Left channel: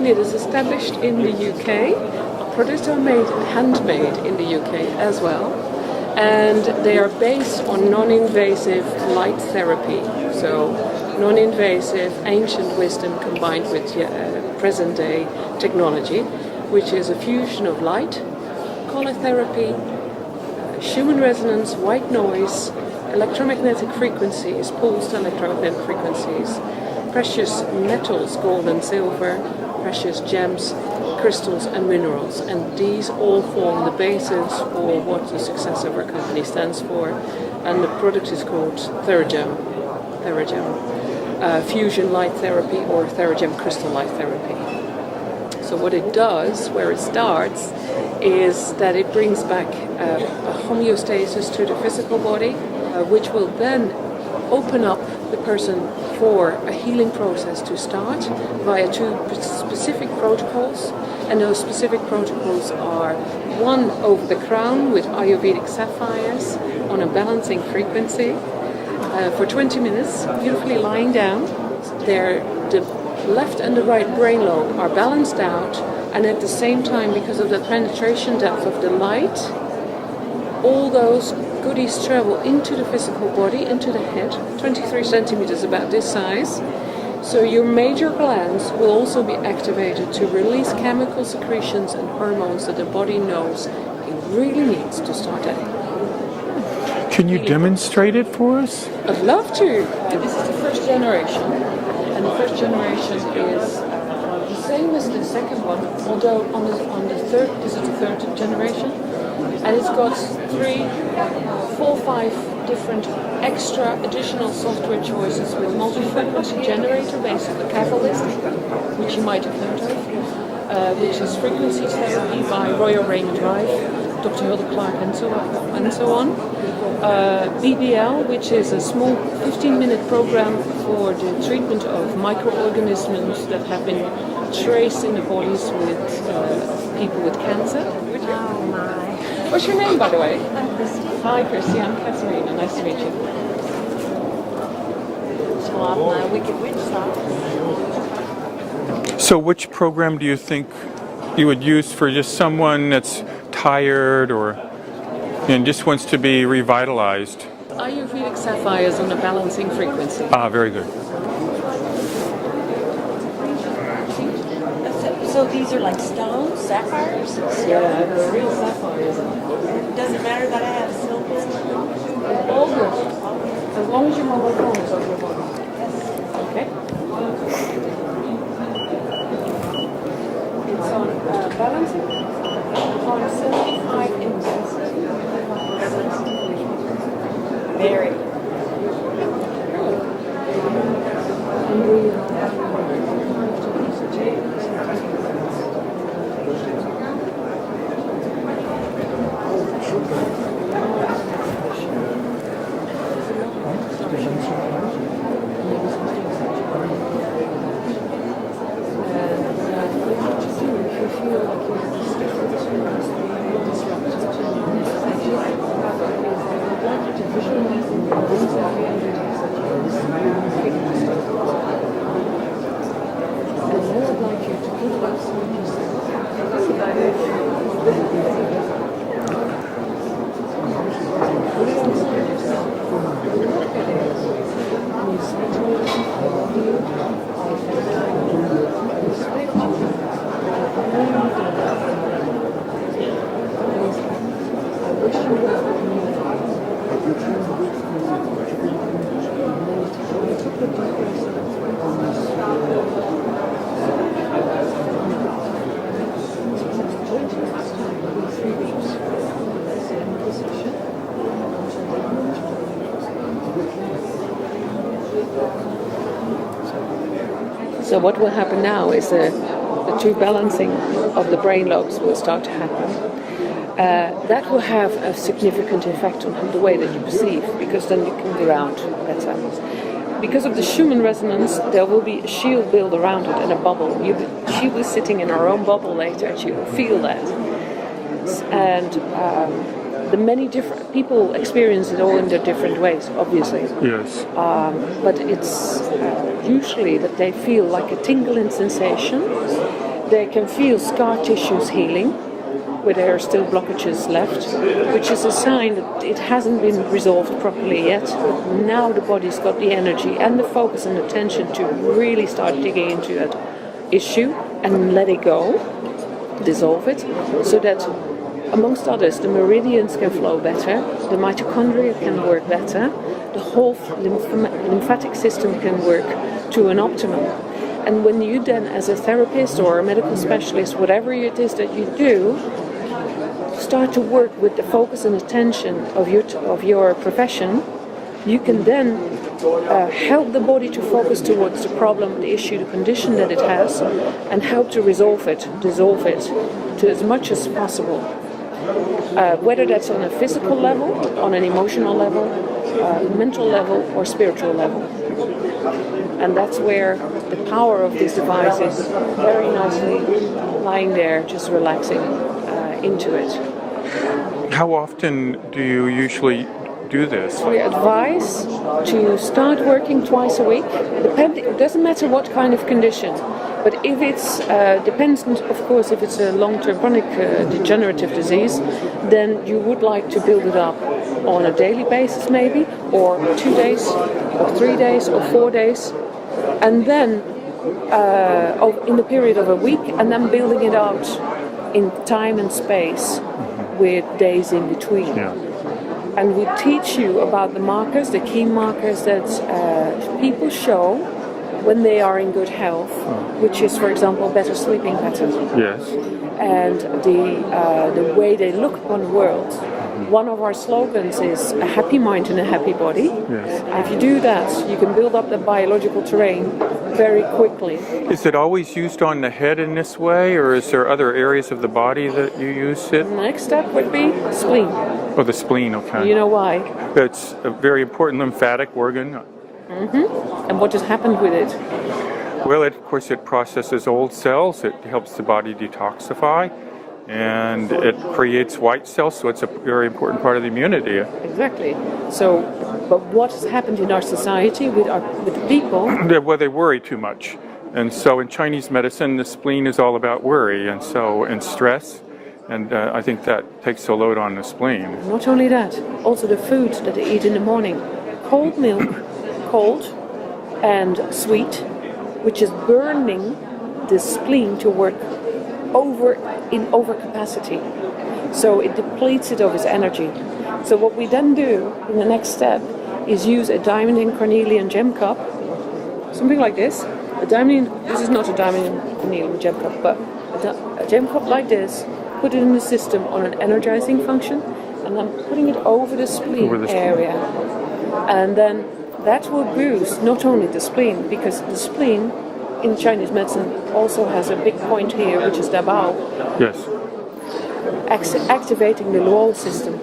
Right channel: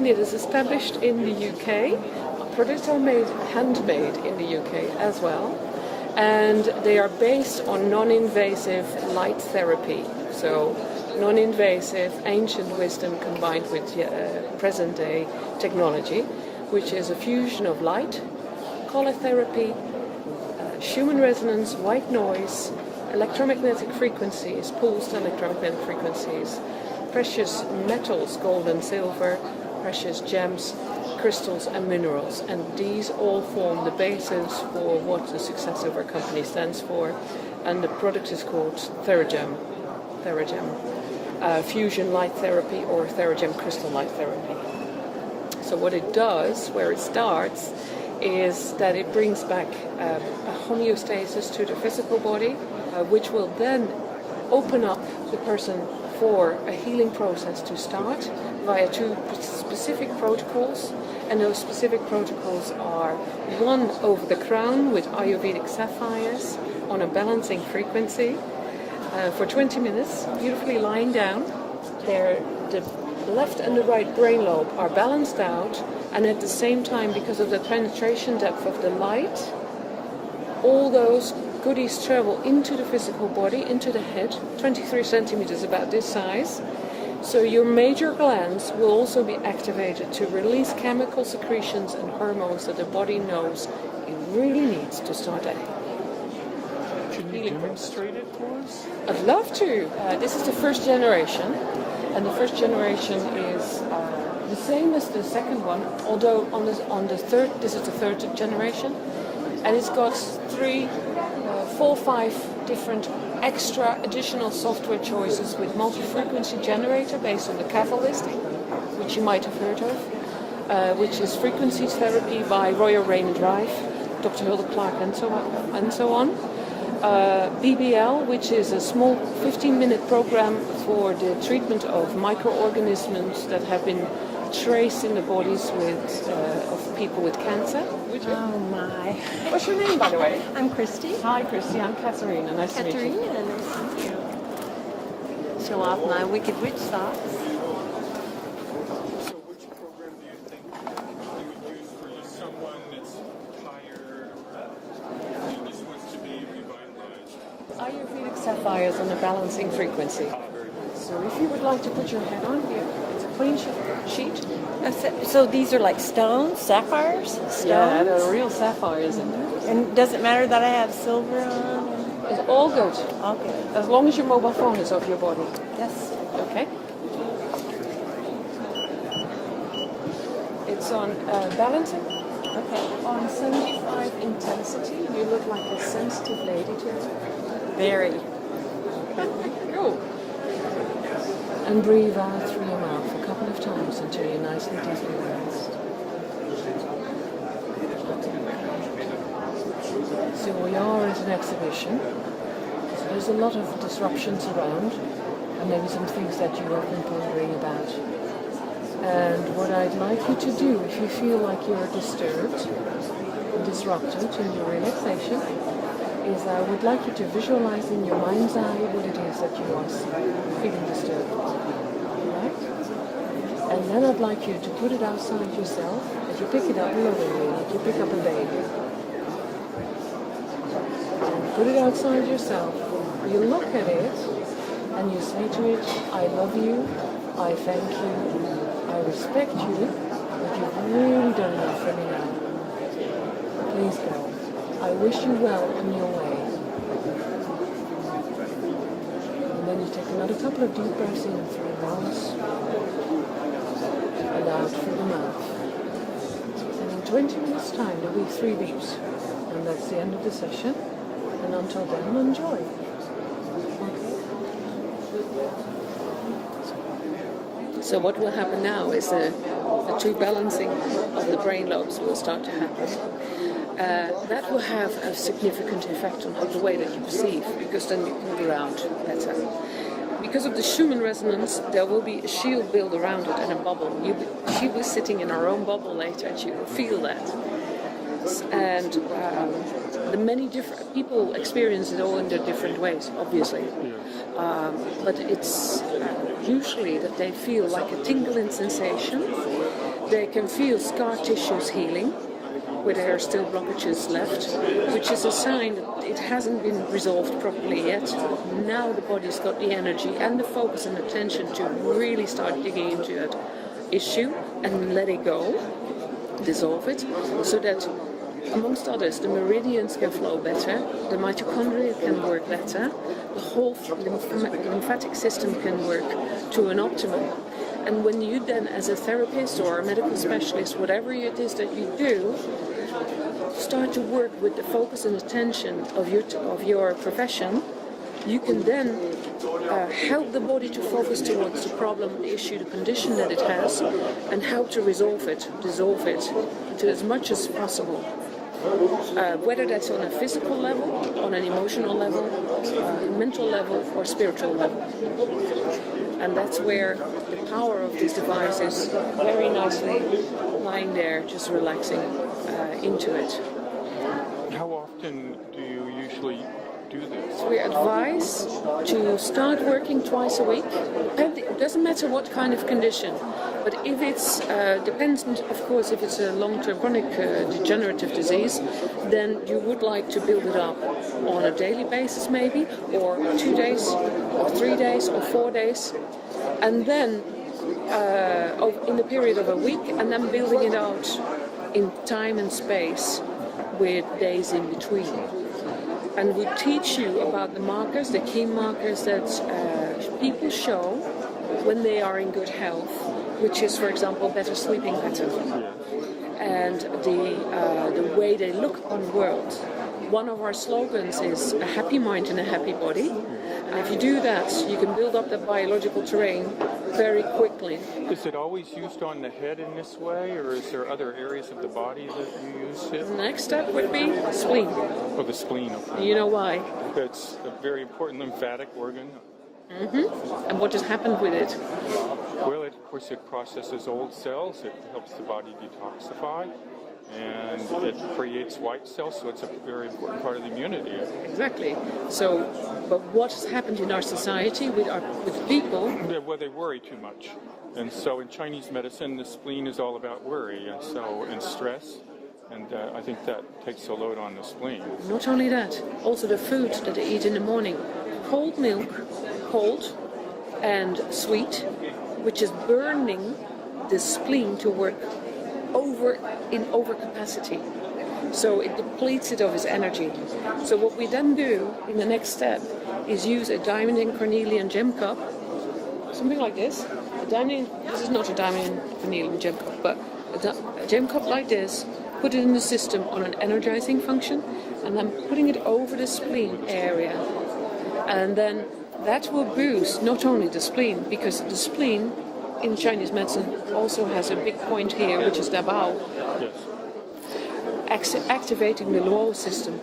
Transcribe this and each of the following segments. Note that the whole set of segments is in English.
company that is established in the UK. Our products are handmade in the UK as well. And they are based on non-invasive light therapy. So non-invasive ancient wisdom combined with present-day technology, which is a fusion of light, color therapy, human resonance, white noise, electromagnetic frequencies, pulsed electromagnetic frequencies, precious metals, gold and silver, precious gems, crystals and minerals. And these all form the basis for what the success of our company stands for. And the product is called Theragem. Fusion light therapy or Theragem crystal light therapy. So what it does, where it starts, is that it brings back a homeostasis to the physical body, which will then open up the person for a healing process to start via two specific protocols. And those specific protocols are one over the crown with Ayurvedic sapphires on a balancing frequency for 20 minutes, beautifully lying down. The left and the right brain lobe are balanced out, and at the same time, because of the penetration depth of the light, all those goodies travel into the physical body, into the head, 23 centimeters, about this size. So your major glands will also be activated to release chemical secretions and hormones that the body knows it really needs to start a Can you demonstrate it for us? I'd love to. This is the first generation. And the first generation is the same as the second one, although on the third, this is the third generation. And it's got 5 different extra additional software choices with multi-frequency generator based on the wholistic, which you might have heard of, which is frequency therapy by Royal Rain Drive, Dr. Hilda Clark, and so on. BBL, which is a small 15-minute program for the treatment of microorganisms that have been traced in the bodies of people with cancer. Oh my. What's your name, by the way? I'm Christy. Hi, Christy. I'm Catharina. Nice to meet you. Show off my Wicked Witch socks. So which program do you think you would use for just someone that's tired or and just wants to be revitalized? Ayurvedic sapphires on a balancing frequency. Ah, very good. So these are like stones, sapphires? Yeah, there are real sapphires in there. And it doesn't matter that I have silver. It's all good. As long as your mobile phone is off your body. Yes. Okay. It's on balancing on 75 intensity. You look like a sensitive lady. Very. And breathe out through your mouth a couple of times until you're nice and deep. So we are at an exhibition. There's a lot of disruptions around, and maybe some things that you want to bring about. And what I'd like you to do, if you feel like you're disrupted to your relaxation, is I would like you to visualize in your mind's eye what it is that you're feeling disturbed. And then I'd like you to put it outside yourself. Put it outside yourself. Look at it. And you say to it, I love you, I thank you, I respect you, what you've really done for me. Please, I wish you well in your way. And then you take another couple of deep breaths in through your nose. So 20 minutes time, maybe 3 weeks. And that's the end of the session. Until then, we'll talk. So what will happen now is the two balancing of the brain lobes will start to happen. That will have a significant effect on the way that you perceive, because then you can ground better. Because of the Schumann resonance, there will be a shield built around it and a bubble. She'll be sitting in her own bubble later, and she will feel that. And the many different people experience it all in their different ways, obviously. Yes. But it's usually that they feel like a tingling sensation. They can feel scar tissues healing, where there are still blockages left, which is a sign that it hasn't been resolved properly yet. Now the body's got the energy and the focus and attention to really start digging into that issue and let it go, dissolve it, so that, amongst others, the meridians can flow better, the mitochondria can work better, the whole lymphatic system can work to an optimum. And when you then, as a therapist or a medical specialist, whatever it is that you do, start to work with the focus and attention of your profession, you can then help the body to focus towards the problem, the issue, the condition that it has, and help to resolve it, dissolve it, to as much as possible. Whether that's on a physical level, on an emotional level, mental level, or spiritual level. And that's where the power of this device is very nicely lying there, just relaxing into it. How often do you usually do this? We advise to start working twice a week. It doesn't matter what kind of condition, but if it's dependent, of course, if it's a long-term chronic degenerative disease, then you would like to build it up on a daily basis, maybe, or 2 days, or 3 days, or 4 days, and then in the period of a week, and then building it out in time and space with days in between. Yeah. And we teach you about the markers, the key markers that people show when they are in good health, which is, for example, better sleeping patterns. Yes. And the way they look upon the world. One of our slogans is a happy mind in a happy body. Yes. And if you do that, you can build up the biological terrain very quickly. Is it always used on the head in this way, or is there other areas of the body that you use it? The next step would be spleen. Oh, the spleen, okay. You know why? It's a very important lymphatic organ. And what has happened with it? Well, of course, it processes old cells. It helps the body detoxify, and it creates white cells, so it's a very important part of the immunity. Exactly. So, but what has happened in our society with the people? Well, they worry too much. And so in Chinese medicine, the spleen is all about worry and stress. And I think that takes a load on the spleen. Not only that, also the food that they eat in the morning. Cold milk, cold and sweet, which is burning the spleen to work in overcapacity. So it depletes it of its energy. So what we then do in the next step is use a diamond in cornelian gem cup, something like this. This is not a diamond in cornelian gem cup, but a gem cup like this, put it in the system on an energizing function, and then putting it over the spleen area. And then that will boost not only the spleen, because the spleen in Chinese medicine also has a big point here, which is the bao. Yes. Activating the Luo system.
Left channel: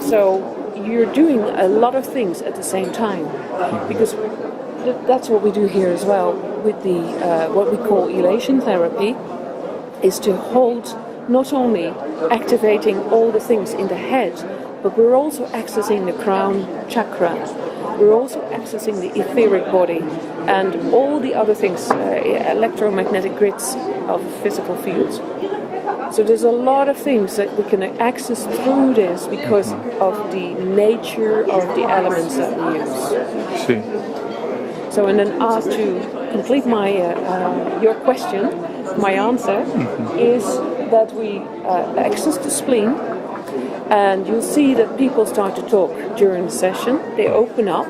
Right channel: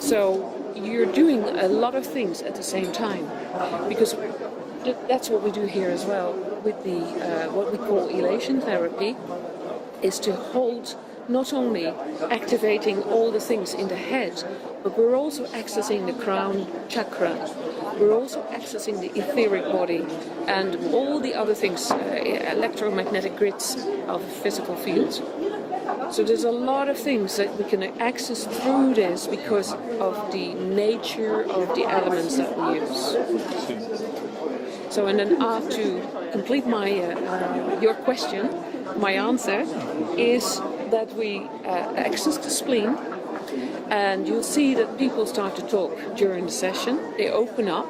So you're doing a lot of things at the same time, because that's what we do here as well with the what we call elation therapy, is to hold not only activating all the things in the head, but we're also accessing the crown chakra. We're also accessing the etheric body and all the other things, electromagnetic grids of the physical field. So there's a lot of things that we can access through this because of the nature of the elements that we use. See. So, and then to complete my your question, my answer is that we access the spleen, and you'll see that people start to talk during the session. They open up,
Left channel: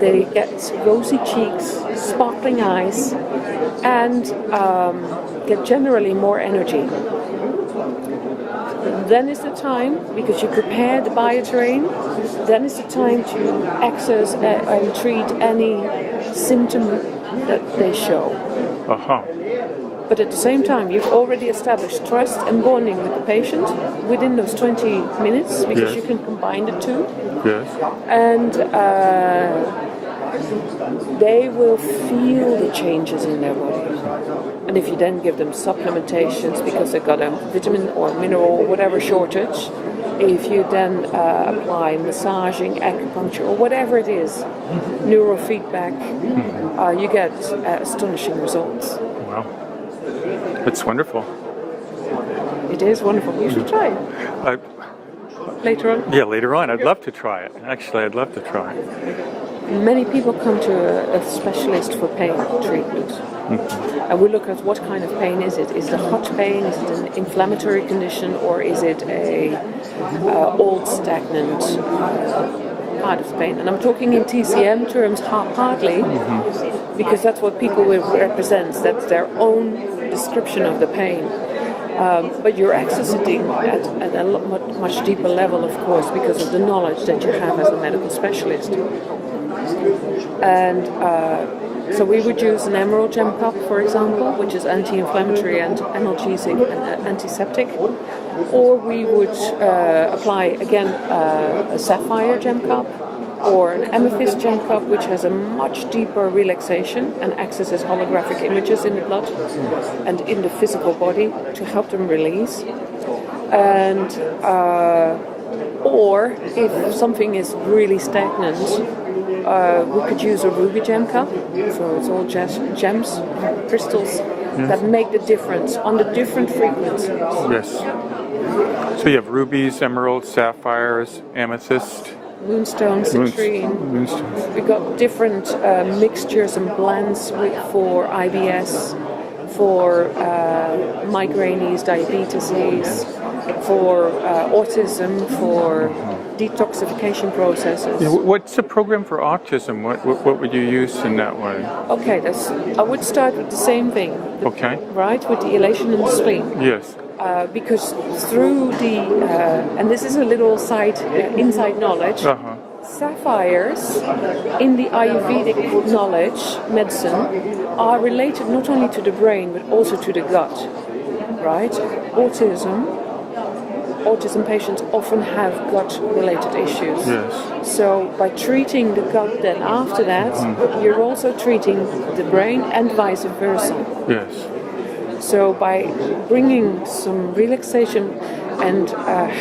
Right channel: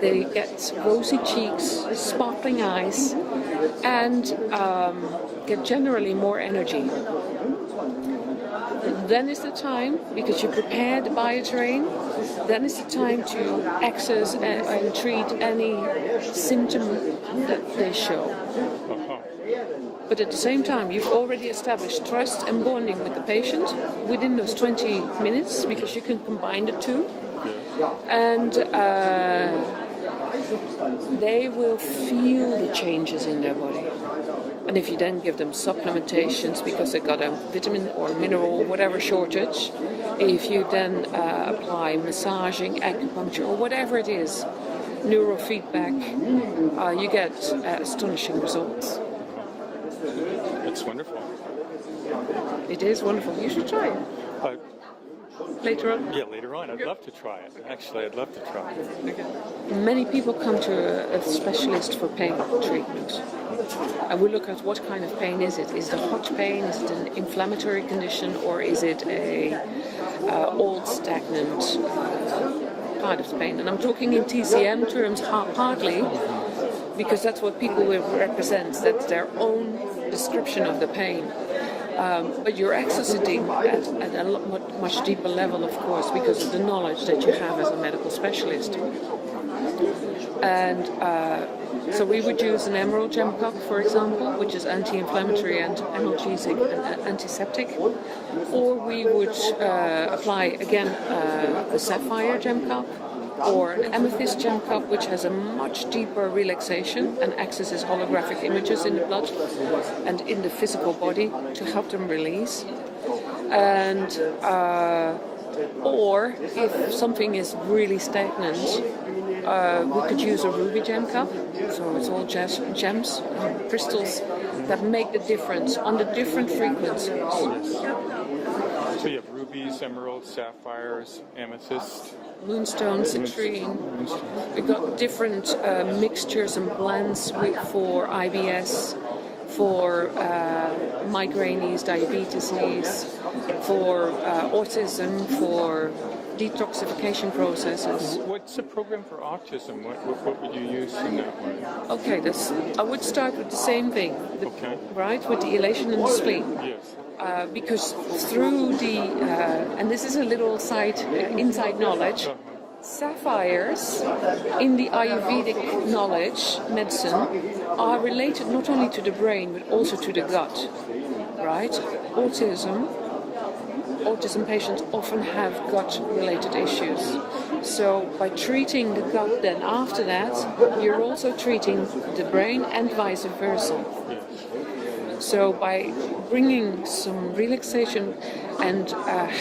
they get rosy cheeks, sparkling eyes, and get generally more energy. Then is the time, because you prepare the bioterrain, then is the time to access and treat any symptom that they show. But at the same time, you've already established trust and bonding with the patient within those 20 minutes, because you can combine the two. Yes. And they will feel the changes in their body. And if you then give them supplementations because they've got a vitamin or mineral or whatever shortage, if you then apply massaging, acupuncture, or whatever it is, neurofeedback, you get astonishing results. Wow. That's wonderful. It is wonderful. You should try it. Later on. Yeah, later on. I'd love to try it. Actually, I'd love to try it. Many people come to a specialist for pain treatment. And we look at what kind of pain is it. Is it a hot pain? Is it an inflammatory condition? Or is it a old stagnant kind of pain? And I'm talking in TCM terms partly because that's what people will represent. That's their own description of the pain. But you're accessing at a much deeper level, of course, because of the knowledge that you have as a medical specialist. And so we would use an emerald gem cup, for example, which is anti-inflammatory and analgesic and antiseptic. Or we would apply, again, a sapphire gem cup or an amethyst gem cup, which has a much deeper relaxation and accesses holographic images in the blood and in the physical body to help them release. And or if something is really stagnant, we could use a ruby gem cup. So it's all gems, crystals that make the difference on the different frequencies. Yes. So you have rubies, emeralds, sapphires, amethyst. Moonstone, citrine. Moonstones. We got different mixtures and blends for IBS, for migraines, diabetes, for autism, for detoxification processes. What's the program for autism? What would you use in that way? Okay, I would start with the same thing. Okay. Right, with the elation and the spleen. Yes. Because through the, and this is a little inside knowledge, sapphires in the Ayurvedic knowledge, medicine, are related not only to the brain but also to the gut, right? Autism patients often have gut-related issues. Yes. So by treating the gut then after that, you're also treating the brain and vice versa. Yes. So by bringing some relaxation and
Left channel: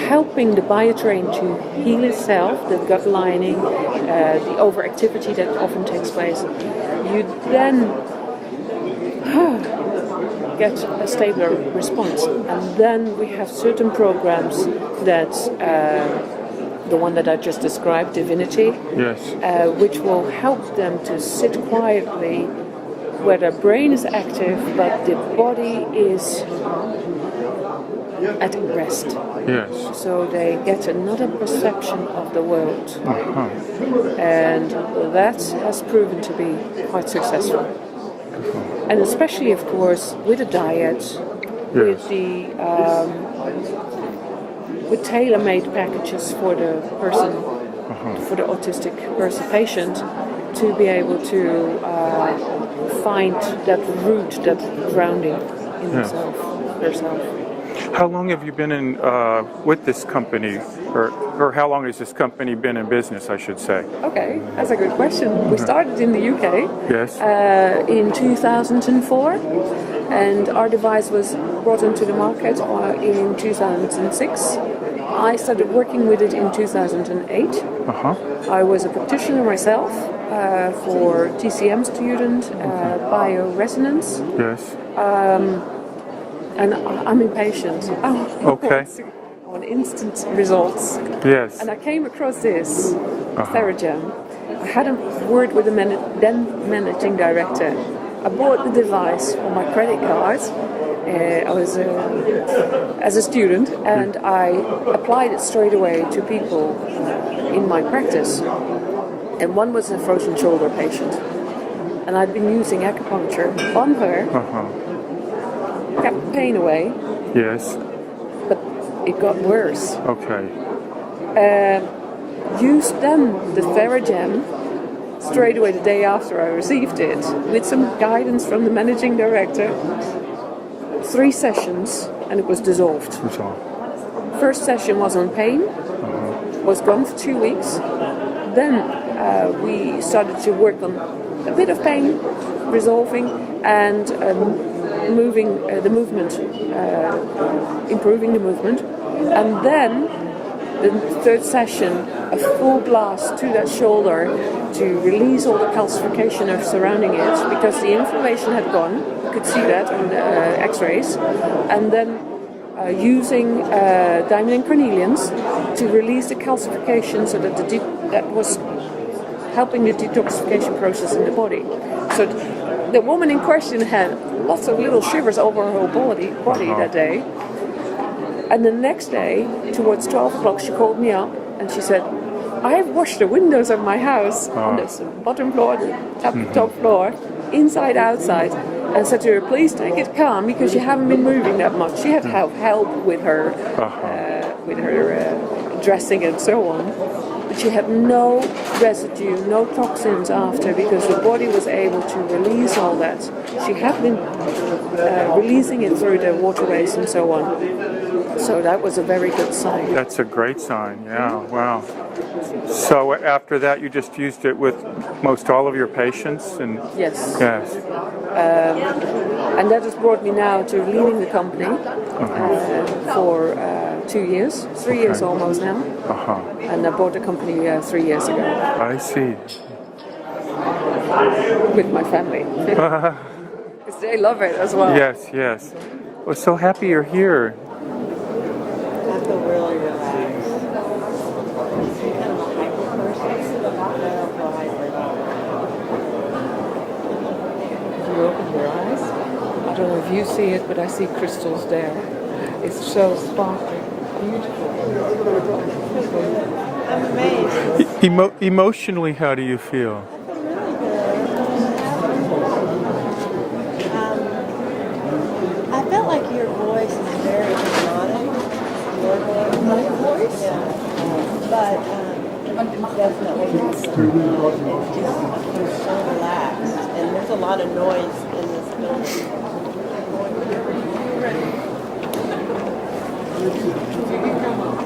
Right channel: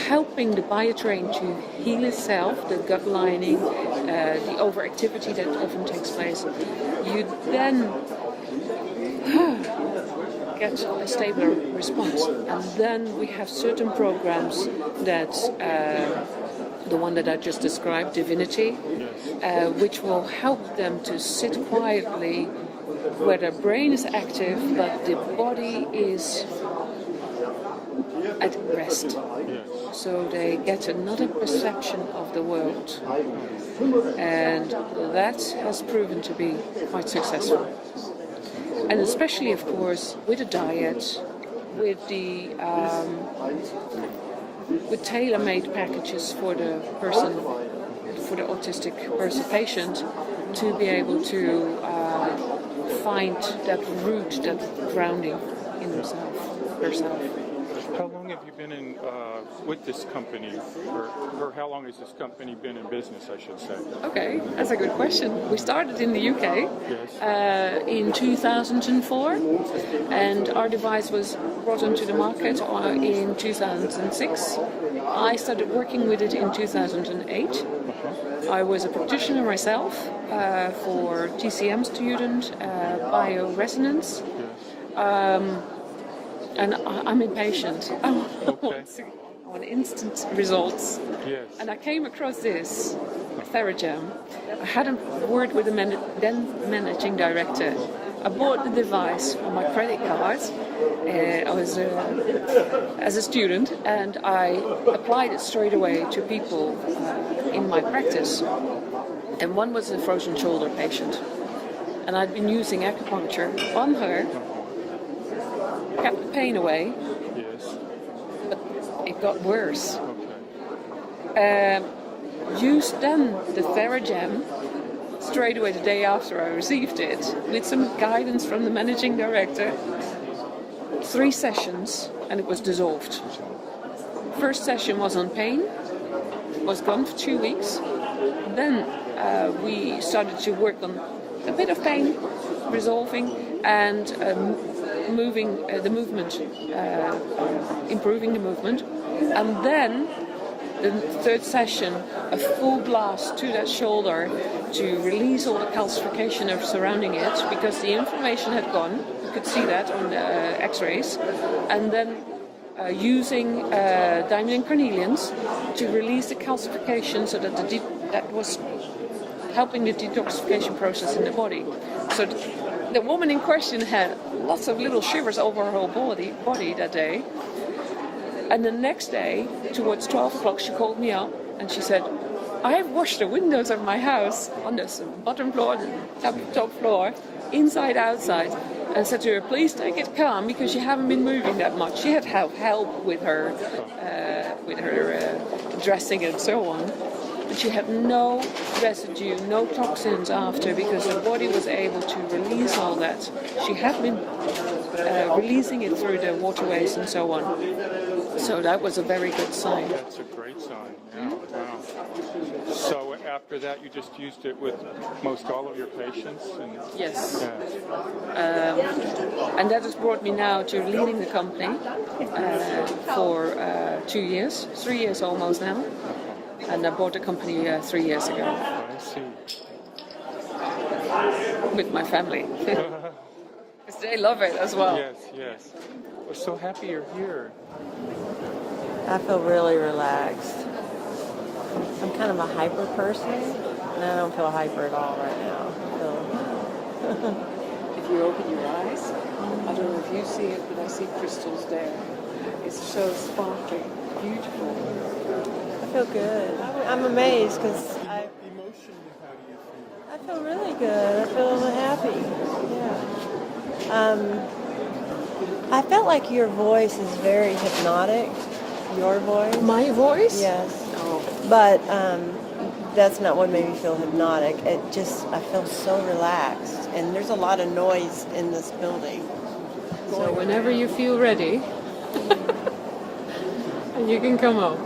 helping the biotrain to heal itself, the gut lining, the overactivity that often takes place, you then get a stable response. And then we have certain programs that, the one that I just described, Divinity, Yes. which will help them to sit quietly where the brain is active, but the body is at rest. Yes. So they get another perception of the world. And that has proven to be quite successful. And especially, of course, with a diet, with the with tailor-made packages for the person, for the autistic patient, to be able to find that root, that grounding in himself, herself. How long have you been in with this company, or how long has this company been in business, I should say? Okay, that's a good question. We started in the UK Yes. in 2004, and our device was brought onto the market in 2006. I started working with it in 2008. I was a practitioner myself for TCM student, bioresonance. Yes. And I'm impatient. Okay. On instant results. Yes. And I came across this Theragem. I had a word with the then managing director. I bought the device on my credit card. I was as a student, and I applied it straight away to people in my practice. And one was a frozen shoulder patient, and I'd been using acupuncture on her. Kept the pain away. Yes. But it got worse. Okay. Used then the Theragem straight away the day after I received it, with some guidance from the managing director. 3 sessions, and it was dissolved. That's all. First session was on pain, was gone for 2 weeks. Then we started to work on a bit of pain, resolving, and moving the movement, improving the movement, and then the third session, a full blast to that shoulder to release all the calcification of surrounding it, because the inflammation had gone. You could see that on the X-rays, and then using diamond and carnelians to release the calcification, so that that was helping the detoxification process in the body. So the woman in question had lots of little shivers over her whole body that day. And the next day, towards 12 o'clock, she called me up and she said, I've washed the windows of my house on the bottom floor, the top floor, inside, outside, and said to her, please take it calm, because you haven't been moving that much. She had to have help with her dressing and so on. But she had no residue, no toxins after, because the body was able to release all that. She had been releasing it through the waterways and so on. So that was a very good sign. That's a great sign, yeah, wow. So after that, you just used it with most all of your patients? Yes. Yes. And that has brought me now to leading the company for 2 years, 3 years almost now. And I bought the company 3 years ago. I see. With my family. Because they love it as well. Yes, yes. We're so happy you're here. I feel really relaxed. I'm kind of a hyper person. I don't feel hyper at all. If you open your eyes, I don't know if you see it, but I see crystals there. It's so sparkly, beautiful. I'm amazed. Emotionally, how do you feel? I feel really good. I feel happy. I feel like your voice is very hypnotic. Your voice? My voice? Yes. But that's not what makes me feel hypnotic. And just, I feel so relaxed. And there's a lot of noise in this building. So whenever you feel ready, you can come up.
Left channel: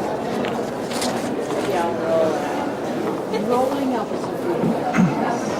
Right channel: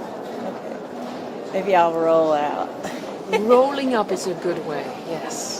Maybe I'll roll out. Rolling up is a good way. Yes.